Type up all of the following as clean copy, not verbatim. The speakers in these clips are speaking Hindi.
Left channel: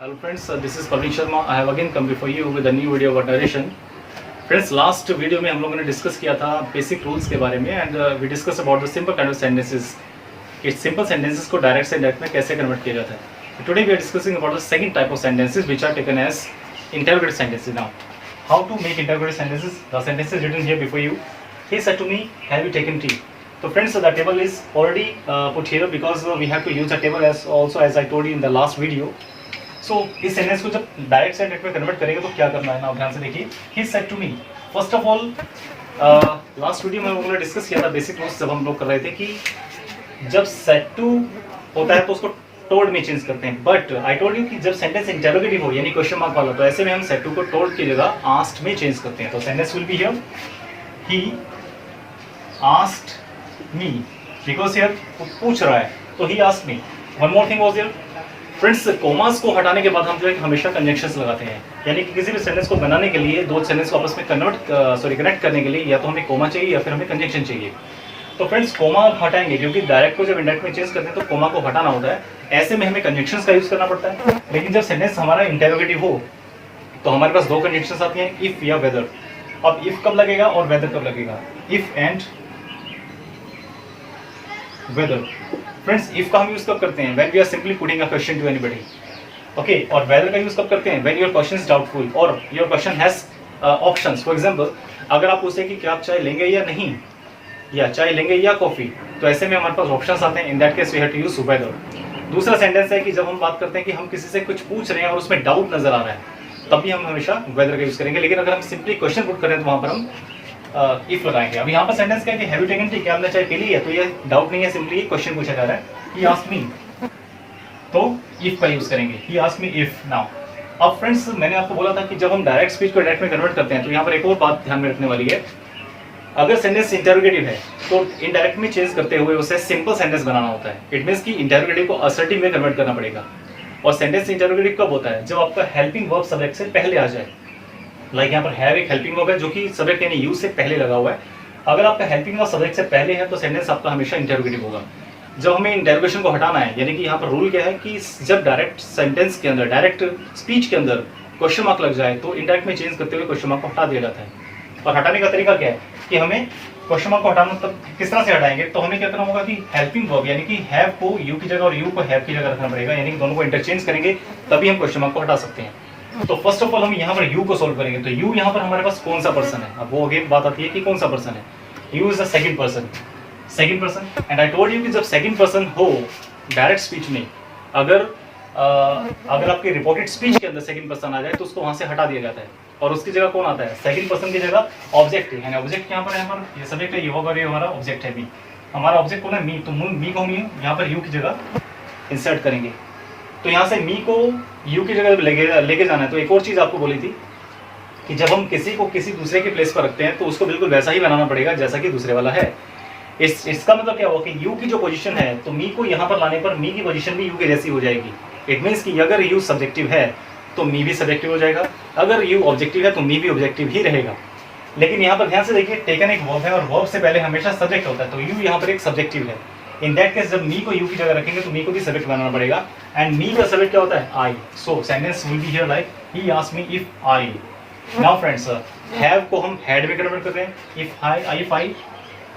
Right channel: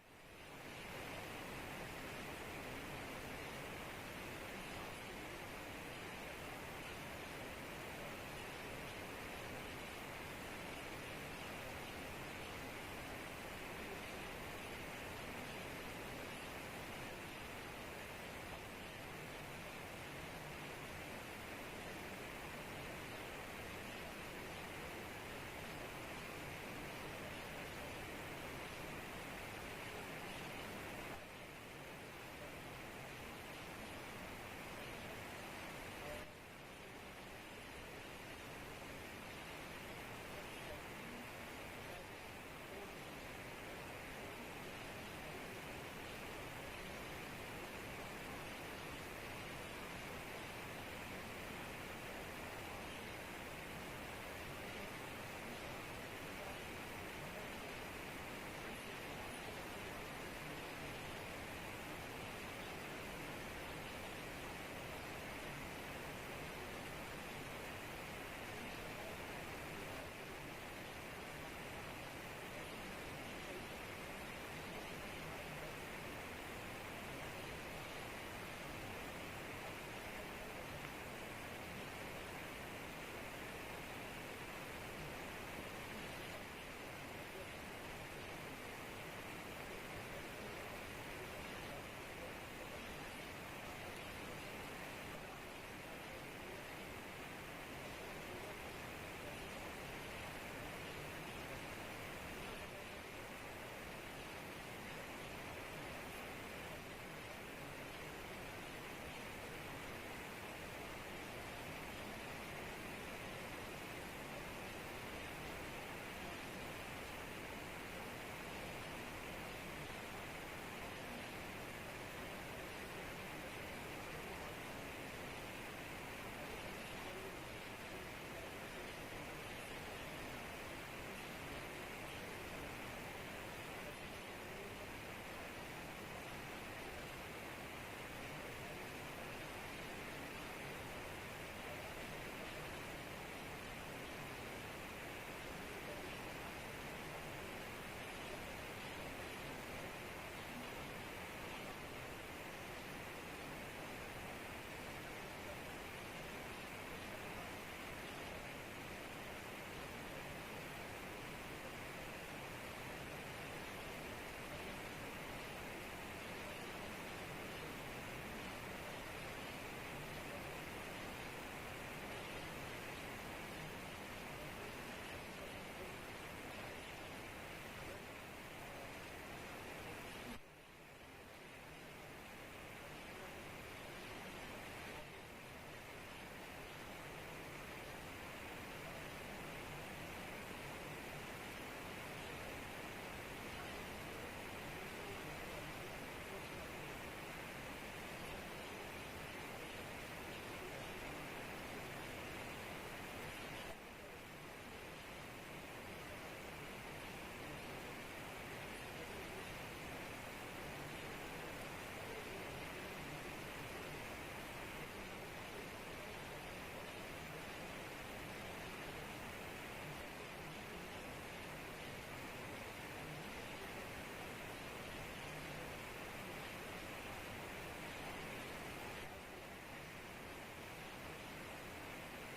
Hello friends, this is Praveen Sharma. I have again come before you with a new video about narration. Friends, last video में हम लोगों ने डिस्कस किया था बेसिक रूल्स के बारे में and we discuss about the simple kind of sentences कि सिंपल सेंटेंसेस को डायरेक्ट से इंडायरेक्ट में कैसे कन्वर्ट किया जाता है. Today we are discussing about the second type of sentences which are taken as interrogative sentences. Now how to make interrogative sentences. The sentences written here before you. He said to me, have you taken tea? So friends, the table is already put here because we have to use the table as also as I told you in the last video. So इस सेंटेंस को जब डायरेक्ट से इंडायरेक्ट में कन्वर्ट करेंगे तो क्या करना है ना, ध्यान से देखिए. He said to me, first of all last video में हम लोगों ने डिस्कस किया था बेसिक रूल्स जब हम लोग कर रहे थे कि जब said to होता है तो उसको told में चेंज करते हैं. बट आई टोल्ड यू कि जब सेंटेंस इंटरोगेटिव हो यानी क्वेश्चन मार्क वाला तो ऐसे में हम said to को told की जगह asked में चेंज करते हैं. तो sentence will be here, he asked me because here पूछ रहा है तो he asked me. One more thing was here. Friends, commas को हटाने के बाद हम जो है हमेशा कंजंक्शंस लगाते हैं, यानी कि किसी भी सेंटेंस को बनाने के लिए दो सेंटेंस को आपस में कनेक्ट करने के लिए या तो हमें कोमा चाहिए या फिर हमें कंजंक्शन चाहिए. तो फ्रेंड्स, कोमा हटाएंगे क्योंकि डायरेक्ट को जब इंडायरेक्ट में चेंज करते हैं तो कोमा को हटाना होता है. ऐसे में हमें कंजंक्शंस का यूज करना पड़ता है. लेकिन जब सेंटेंस हमारा इंटरोगेटिव हो तो हमारे पास दो कंजंक्शंस आती हैं, इफ या वेदर. अब इफ कब लगेगा और वेदर कब लगेगा. If and whether. Friends, if का हम यूज कब करते हैं, when we are simply putting a question to anybody. Okay. और वेदर का यूज कब करते हैं, when your question is doubtful और your question has options. For example, अगर आप पूछे कि क्या आप चाय लेंगे या नहीं, या चाय लेंगे या कॉफी, तो ऐसे में हमारे पास ऑप्शंस आते हैं. In that case we have to use whether. दूसरा सेंटेंस है कि जब हम बात करते हैं कि हम किसी से कुछ पूछ रहे हैं और उसमें डाउट नजर आ रहा है, तब भी हम हमेशा वेदर का यूज करेंगे. लेकिन अगर हम सिंपली क्वेश्चन पुट करें तो वहां पर हम इफ लगाएंगे. अब यहाँ पर सेंटेंस क्या है कि हैव यू टेकन टी, क्या हमने चाय पी ली है, तो ये डाउट नहीं है, सिंपली क्वेश्चन पूछा जा रहा है. ही आस्क्ड मी, तो इफ का यूज करेंगे. ही आस्क्ड मी इफ. नाउ अब फ्रेंड्स, मैंने आपको बोला था कि जब हम डायरेक्ट स्पीच को डायरेक्ट में कन्वर्ट करते हैं तो यहाँ पर एक और बात ध्यान में रखने वाली है. अगर सेंटेंस इंटरोगेटिव है तो इनडायरेक्ट में चेंज करते हुए उसे सिंपल सेंटेंस बनाना होता है. इट मींस कि इंटरोगेटिव को असर्टिव में कन्वर्ट करना पड़ेगा. और सेंटेंस इंटरोगेटिव कब होता है, जब आपका हेल्पिंग वर्ब सब्जेक्ट से पहले आ जाए. लाइक यहाँ पर हैव एक हेल्पिंग वर्ब है जो कि सब्जेक्ट यानी यूज से पहले लगा हुआ है. अगर आपका हेल्पिंग वर्ब सब्जेक्ट से पहले है तो सेंटेंस आपका हमेशा इंटरोगेटिव होगा. जब हमें इंटरोगेशन को हटाना है, यानी कि यहाँ पर रूल क्या है कि जब डायरेक्ट सेंटेंस के अंदर, डायरेक्ट स्पीच के अंदर क्वेश्चन मार्क लग जाए तो इंडायरेक्ट में चेंज करते हुए क्वेश्चन मार्क को हटा दिया जाता है. और हटाने का तरीका क्या है कि हमें क्वेश्चन मार्क को हटाना तब किस तरह से हटाएंगे, तो हमें क्या करना होगा कि हेल्पिंग वर्ब यानी कि हैव को यू की जगह और यू को हैव की जगह रखना पड़ेगा. यानी कि दोनों को इंटरचेंज करेंगे तभी हम क्वेश्चन मार्क को हटा सकते हैं. तो फर्स्ट ऑफ ऑल हम यहाँ पर यू को सोल्व करेंगे. तो यू यहाँ पर हमारे पास कौन सा पर्सन है. अब वो अगेन बात आती है कि कौन सा पर्सन है. You is the second person. Second person. And I told you कि जब सेकंड पर्सन हो डायरेक्ट स्पीच में, अगर आपकी रिपोर्टेड स्पीच के अंदर सेकंड पर्सन आ जाए तो उसको वहां से हटा दिया जाता है और उसकी जगह कौन आता है, सेकंड पर्सन की जगह ऑब्जेक्ट है. ऑब्जेक्ट यहाँ पर है हमारा, ये सब्जेक्ट है, ये होगा, ये हमारा ऑब्जेक्ट है मी. हमारा ऑब्जेक्ट कौन है, मी. तो मी को मी यहाँ पर यू की जगह इंसर्ट करेंगे. तो यहाँ से मी को यू की जगह लेके जाना है. तो एक और चीज आपको बोली थी कि जब हम किसी को किसी दूसरे के प्लेस पर रखते हैं तो उसको बिल्कुल वैसा ही बनाना पड़ेगा जैसा कि दूसरे वाला है. इसका मतलब क्या हुआ कि यू की जो पोजीशन है तो मी को यहाँ पर लाने पर मी की पोजीशन भी यू की जैसी हो जाएगी. इट मीन्स कि अगर यू सब्जेक्टिव है तो मी भी सब्जेक्टिव हो जाएगा, अगर यू ऑब्जेक्टिव है तो मी भी ऑब्जेक्टिव ही रहेगा. लेकिन यहाँ पर ध्यान से देखिए, टेकन एक वर्ब है और वर्ब से पहले हमेशा सब्जेक्ट होता है. तो यू यहाँ पर एक सब्जेक्टिव है. इन दैट केस जब मी को यू की जगह रखेंगे तो मी को भी सब्जेक्ट बनाना पड़ेगा. एंड मी का सब्जेक्ट क्या होता है, I. So sentence will be here like he asked me if I. Now friends, have को हम हैड में कन्वर्ट कर रहे हैं. If I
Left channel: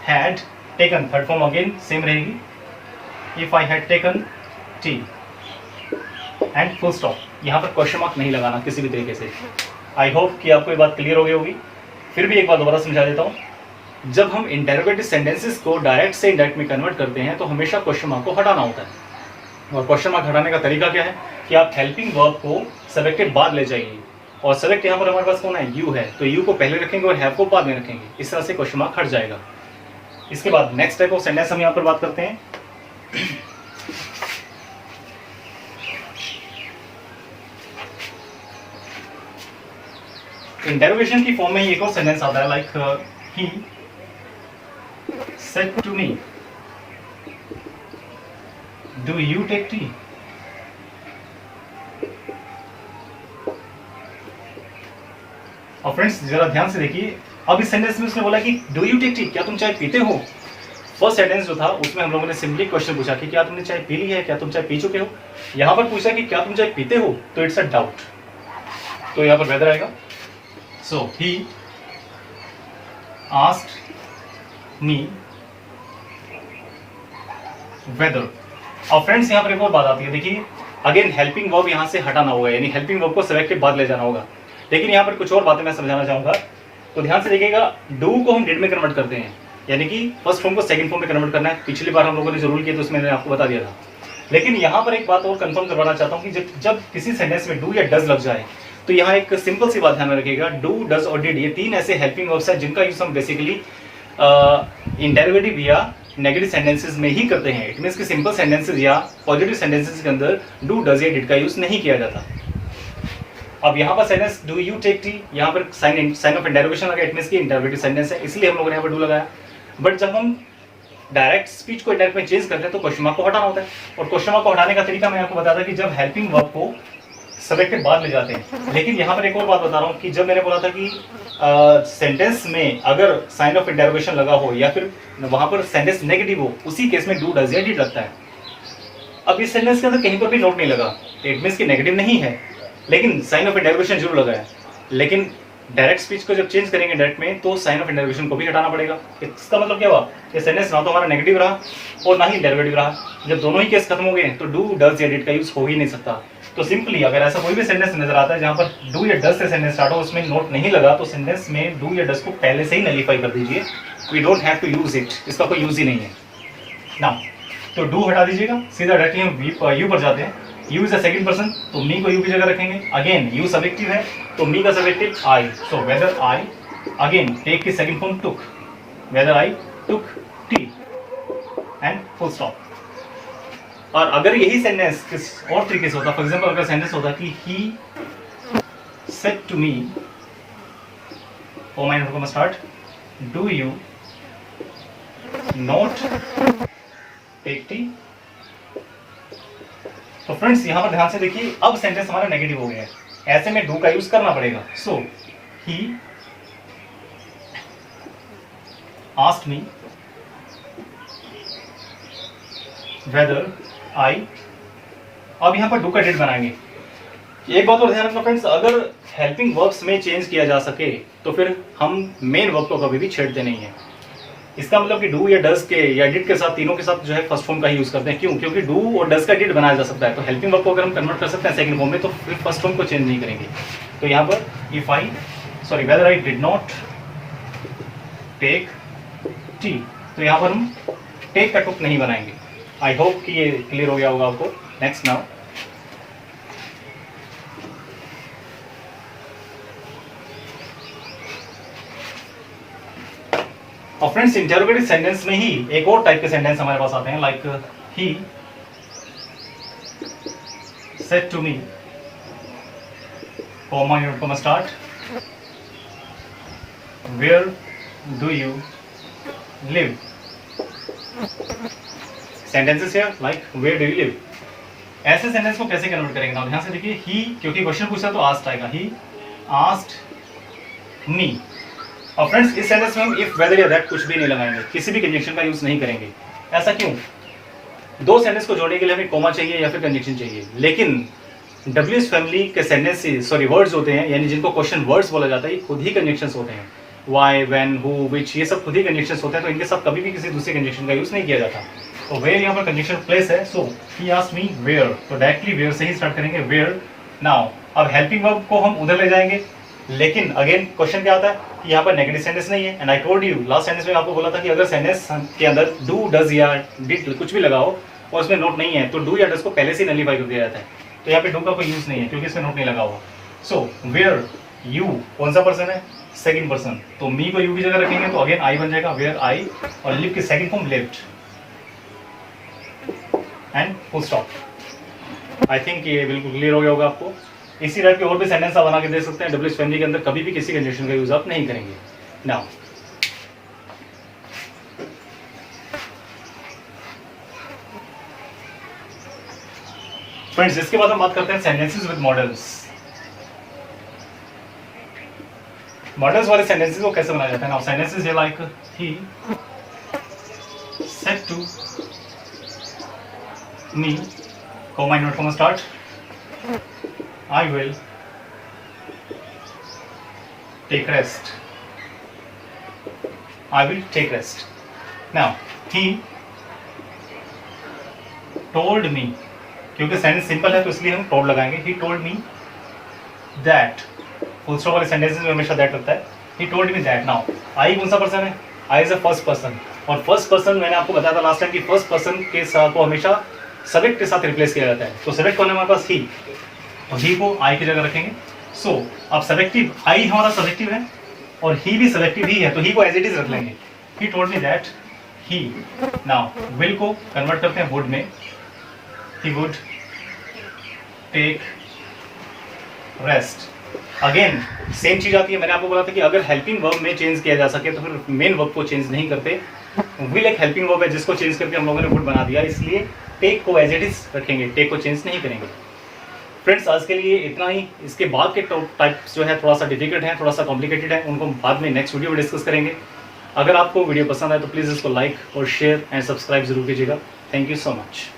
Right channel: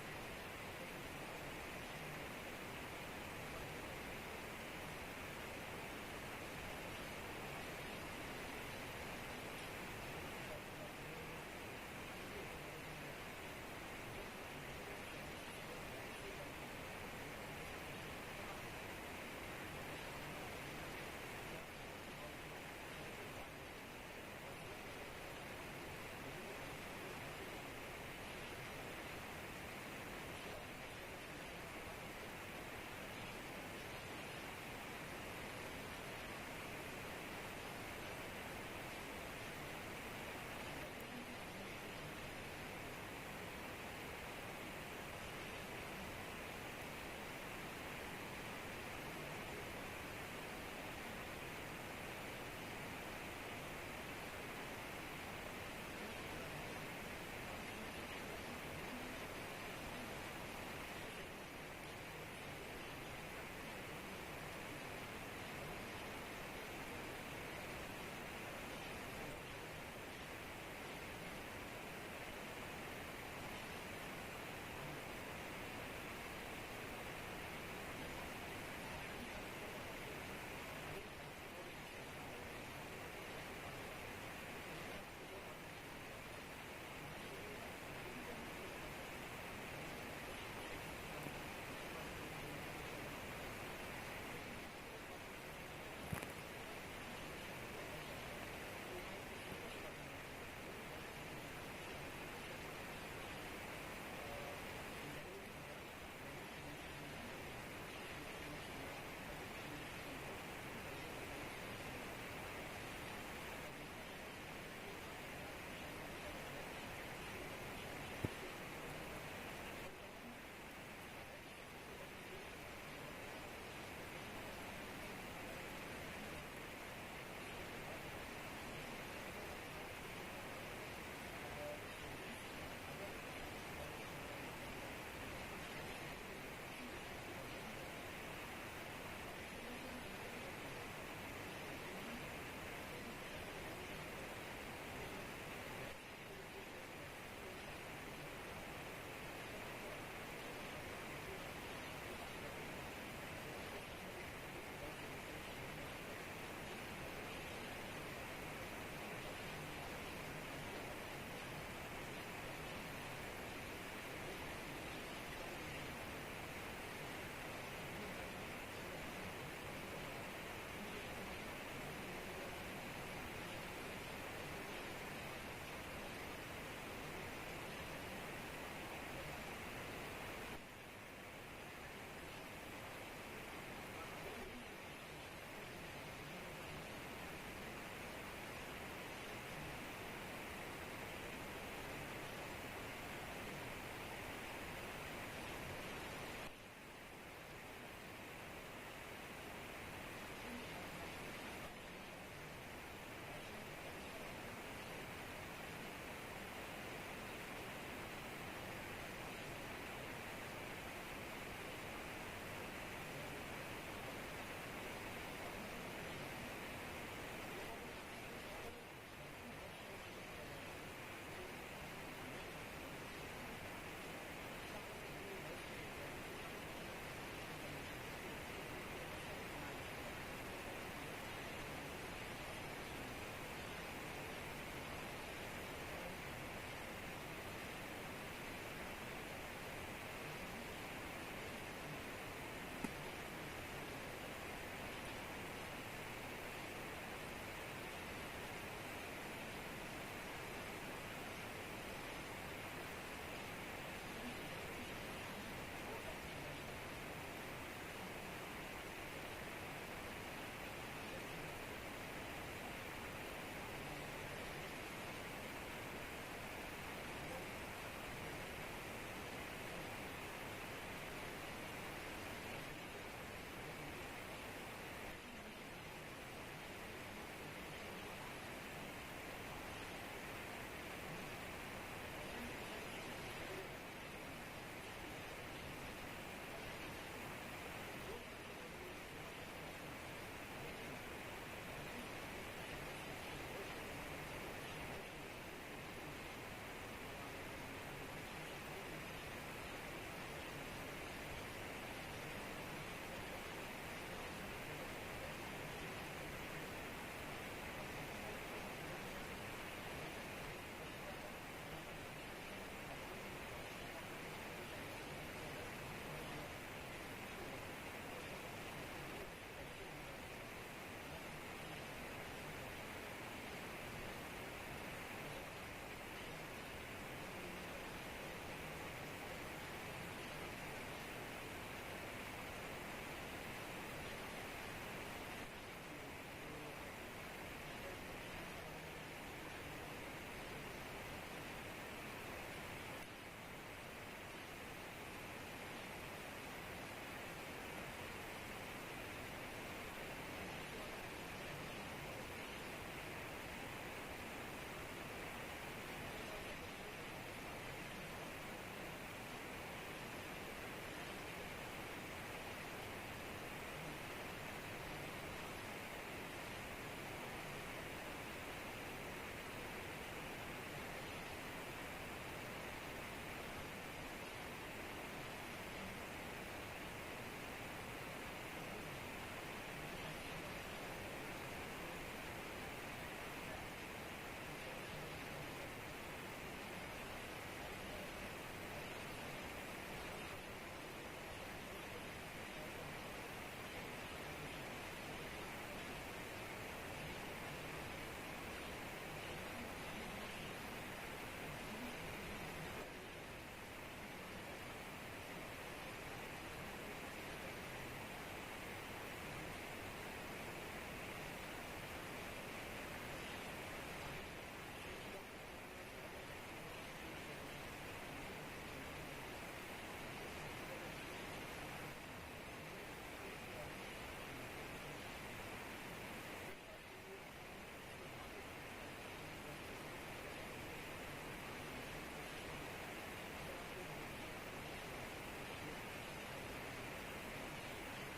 had taken, third form again same रहेगी. If I had taken T and full stop. यहाँ पर क्वेश्चन मार्क नहीं लगाना किसी भी तरीके से. आई होप कि आपको ये बात क्लियर हो गई होगी. फिर भी एक बात दोबारा समझा देता हूँ. जब हम इंटरोगेटिव सेंटेंसेस को डायरेक्ट से इंडायरेक्ट में कन्वर्ट करते हैं तो हमेशा क्वेश्चन मार्क को हटाना होता है. और क्वेश्चन मार्क हटाने का तरीका क्या है कि आप हेल्पिंग वर्ब को सब्जेक्ट के बाद ले जाइए. और सब्जेक्ट यहाँ पर हमारे पास कौन है, यू है. तो यू को पहले रखेंगे और हैव को बाद में रखेंगे. इस तरह से क्वेश्चन मार्क हट जाएगा. इसके बाद नेक्स्ट टाइप ऑफ सेंटेंस हम यहाँ पर बात करते हैं. इंटरोगेशन की फॉर्म में एक और सेंटेंस आता है like he said to me do you take tea. और फ्रेंड्स जरा ध्यान से देखिए, अब इस सेंटेंस में उसने बोला कि डू यू टेक टी, क्या तुम चाय पीते हो. फर्स्ट सेंटेंस जो था उसमें हम लोगों ने सिंपली क्वेश्चन पूछा कि क्या तुमने चाय पी ली है, क्या तुम चाय पी चुके हो। यहाँ पर पूछा कि क्या तुम चाय पीते हो, तो इट्स अ डाउट, तो यहाँ पर वेदर आएगा। सो ही आस्क्ड मी वेदर। और फ्रेंड्स यहाँ पर एक और बात आती है, देखिए अगेन हेल्पिंग वर्ब यहाँ से हटाना होगा, यानी हेल्पिंग वर्ब को सब्जेक्ट के बाद ले जाना होगा। लेकिन यहाँ पर कुछ और बातें मैं समझाना चाहूंगा, तो ध्यान से देखिएगा। डू को हम डिड में कन्वर्ट करते हैं, यानी कि फर्स्ट फॉर्म को सेकंड फॉर्म में कन्वर्ट करना है। पिछली बार हम लोगों ने जो रूल किया तो उसमें मैंने आपको बता दिया था। लेकिन यहाँ पर एक बात और कंफर्म करवाना चाहता हूँ कि जब किसी सेंटेंस में डू या डज लग जाए तो यहाँ एक सिंपल सी बात ध्यान में रखिएगा। डू, डज और डिड, ये तीन ऐसे हेल्पिंग वर्ब्स हैं जिनका यूज हम बेसिकली इंटरोगेटिव या नेगेटिव सेंटेंसेस में ही करते हैं। इट मींस कि सिंपल सेंटेंसेस या पॉजिटिव सेंटेंसेस के अंदर डू, डज या डिड का यूज नहीं किया जाता। अब यहाँ पर sentence do you take tea, यहाँ पर साइन ऑफ इंटरोगेशन लगा, इट मींस कि इंटरोगेटिव सेंटेंस है, इसलिए हम लोगों ने यहाँ पर डू लगाया। बट जब हम डायरेक्ट स्पीच को इंडायरेक्ट में चेंज करते हैं तो क्वेश्चन मार्क को हटाना होता है। और क्वेश्चन मार्क को हटाने का तरीका मैं आपको बताया था कि जब हेल्पिंग वर्ब को सब्जेक्ट के बाद ले जाते हैं। लेकिन यहाँ पर एक और बात बता रहा हूँ कि जब मैंने बोला था कि सेंटेंस में अगर साइन ऑफ इंटरोगेशन लगा हो या फिर वहां पर सेंटेंस नेगेटिव हो, उसी केस में डू, डज या डिड लगता है। अब इस सेंटेंस के अंदर कहीं पर भी नोट नहीं लगा, इट मींस कि नेगेटिव नहीं है, लेकिन साइन ऑफ इंटरोगेशन जरूर लगा है। लेकिन डायरेक्ट स्पीच को जब चेंज करेंगे डायरेक्ट में तो साइन ऑफ इंटरोगेशन को भी हटाना पड़ेगा। इसका मतलब क्या हुआ, ये सेंटेंस ना तो हमारा नेगेटिव रहा और ना ही इंटरोगेटिव रहा। जब दोनों ही केस खत्म हो गए तो डू, डज या डिड का यूज हो ही नहीं सकता। तो सिंपली अगर ऐसा कोई भी सेंटेंस नजर आता है जहां पर डू या डज से सेंटेंस स्टार्ट हो, उसमें नोट नहीं लगा, तो सेंटेंस में डू या डज को पहले से ही नलीफाई कर दीजिए। We don't have to use it, इसका कोई यूज ही नहीं है ना। तो डू हटा दीजिएगा, सीधा डायरेक्टली हम यू पर जाते हैं। You is a second person, तो मी को यू की जगह रखेंगे। अगेन यू सब्जेक्टिव है तो मी का subjective I, so whether I, again take की second form took, whether I took T and full stop. और अगर यही सेंटेंस किस और तरीके से होता, फॉर एग्जांपल अगर सेंटेंस होता कि he said to me, oh my not start, do you not take tea. तो फ्रेंड्स यहां पर ध्यान से देखिए, अब सेंटेंस हमारा नेगेटिव हो गया है, ऐसे में डू का यूज करना पड़ेगा। सो ही आस्क्ड मी वेदर आई, अब यहां पर डू का डिड बनाएंगे। एक बात और ध्यान रखना फ्रेंड्स, अगर हेल्पिंग वर्ब्स में चेंज किया जा सके तो फिर हम मेन वर्ब को कभी भी छेड़ते नहीं है। इसका मतलब कि डू या डज के या डिड के साथ, तीनों के साथ जो है फर्स्ट फॉर्म का ही यूज करते हैं। क्यों? क्योंकि डू और डज का डिड बनाया जा सकता है, तो हेल्पिंग वर्ब को अगर हम कन्वर्ट कर सकते हैं सेकंड फॉर्म में तो फिर फर्स्ट फॉर्म को चेंज नहीं करेंगे। तो यहाँ पर if I sorry whether I did not take tea, तो यहाँ पर हम टेक का टुक नहीं बनाएंगे। आई होप कि ये क्लियर हो गया होगा आपको। नेक्स्ट नाउ, और फ्रेंड्स इंटरोगेटिव सेंटेंस में ही एक और टाइप के सेंटेंस हमारे पास आते हैं, like he said to me, comma unit comma start, where do you live. Sentences here like where do you live. ऐसे सेंटेंस को कैसे कन्वर्ट करेंगे ना, ध्यान से देखिए। ही क्योंकि क्वेश्चन पूछा तो आस्क्ड आएगा, ही आस्क्ड मी। और फ्रेंड्स इस सेंटेंस में हम इफ, वेदर या दैट कुछ भी नहीं लगाएंगे, किसी भी कंजंक्शन का यूज नहीं करेंगे। ऐसा क्यों? दो सेंटेंस को जोड़ने के लिए हमें कॉमा चाहिए या फिर कंजंक्शन चाहिए, लेकिन डब्ल्यूएस फैमिली के सेंटेंस सॉरी वर्ड्स होते हैं, यानी जिनको क्वेश्चन वर्ड्स बोला जाता है, ये खुद ही कंजंक्शंस होते हैं। वाई, व्हेन, हु, व्हिच, ये सब खुद ही कंजंक्शंस होते हैं, तो इनके साथ कभी भी किसी दूसरे कंजंक्शन का यूज नहीं किया जाता। तो वेयर यहाँ पर कंजंक्शन प्लेस है, सो ही आस्क्ड मी वेयर, तो डायरेक्टली वेयर से ही स्टार्ट करेंगे, वेयर। नाउ अब हेल्पिंग वर्ब को हम उधर ले जाएंगे, लेकिन अगेन क्वेश्चन क्या आता है कि यहाँ पर नेगेटिव सेंटेंस नहीं है। And I told you last sentence में आपको बोला था कि अगर सेंटेंस के अंदर डू, डज या डिड कुछ भी लगाओ और उसमें नोट नहीं है तो डू या डज को पहले से नलीफाई कर दिया जाता है। तो यहाँ पे डू का कोई यूज नहीं है क्योंकि इसमें नोट नहीं लगा हुआ। सो वेयर यू कौन सा पर्सन है? सेकंड पर्सन, तो मी को यू की जगह रखेंगे तो अगेन आई बन जाएगा, वेयर आई, और लिव की second form lived and full stop. I think ये बिल्कुल क्लियर हो गया होगा आपको। इसी टाइप के और भी सेंटेंस आप बना के दे सकते हैं। डब्ल्यूएच फैमिली के अंदर कभी भी किसी कंजंक्शन का यूज आप नहीं करेंगे। नाउ फ्रेंड्स इसके बाद हम बात करते हैं सेंटेंसेस विद मॉडल्स। मॉडल्स वाले सेंटेंसेस को कैसे बनाया जाता है? Now sentences like he to me, comma inverted comma start, I will take rest. I will take rest. Now he told me, क्योंकि सेंटेंस सिंपल है तो इसलिए हम told लगाएंगे. He told me that. Full stop वाले सेंटेंसेस में हमेशा दैट लगता है. He told me that. Now I कौन सा पर्सन है? I is a first person. और फर्स्ट पर्सन मैंने आपको बताया था लास्ट टाइम कि फर्स्ट पर्सन के साथ को हमेशा सब्जेक्ट के साथ रिप्लेस किया जाता है. तो सब्जेक्ट कौन है हमारे पास? ही. और ही को आई की जगह रखेंगे. सो अब सब्जेक्टिव आई हमारा सब्जेक्टिव है और ही भी सब्जेक्टिव ही है, तो ही को एज इट इज रख लेंगे. He told me that he. Now will को कन्वर्ट करते हैं वुड में. He would take rest. Again same चीज आती है. मैंने आपको बोला था कि अगर हेल्पिंग वर्ब में चेंज किया जा सके तो फिर मेन वर्ब को चेंज नहीं करते. विल एक हेल्पिंग वर्ब है जिसको चेंज करके हम लोगों ने वुड बना दिया, इसलिए टेक को एज इट इज रखेंगे, टेक को चेंज नहीं करेंगे. फ्रेंड्स आज के लिए इतना ही. इसके बाद के टाइप्स जो है थोड़ा सा डिफिकल्ट है, थोड़ा सा कॉम्प्लिकेटेड है, उनको बाद में नेक्स्ट वीडियो में डिस्कस करेंगे. अगर आपको वीडियो पसंद आए तो प्लीज़ इसको लाइक और शेयर एंड सब्सक्राइब जरूर कीजिएगा. Thank you so much.